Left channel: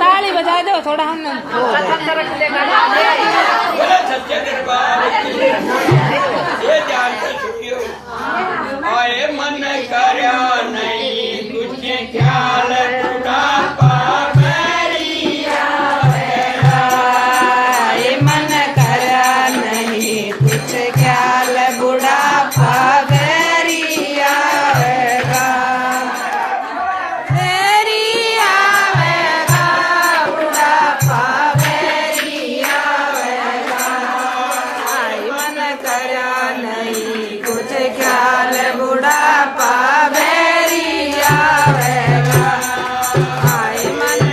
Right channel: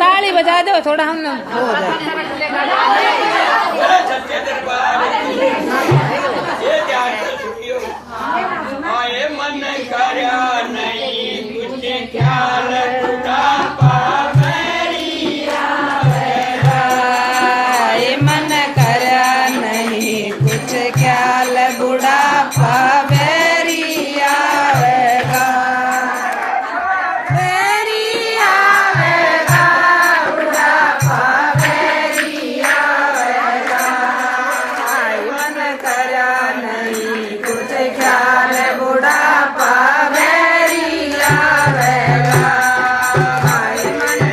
ताली बजा दो थोड़ा हम हो जाए मन करया नहीं कुछ ख्याल मन करया नहीं कुछ ख्याल बुढ़ापा बेरी आवेगा बेरी आवेगा बुढ़ापा बेरी आवेगा आई मन करया नहीं कुछ ख्याल बुढ़ापा बेरी आवेगा आई मन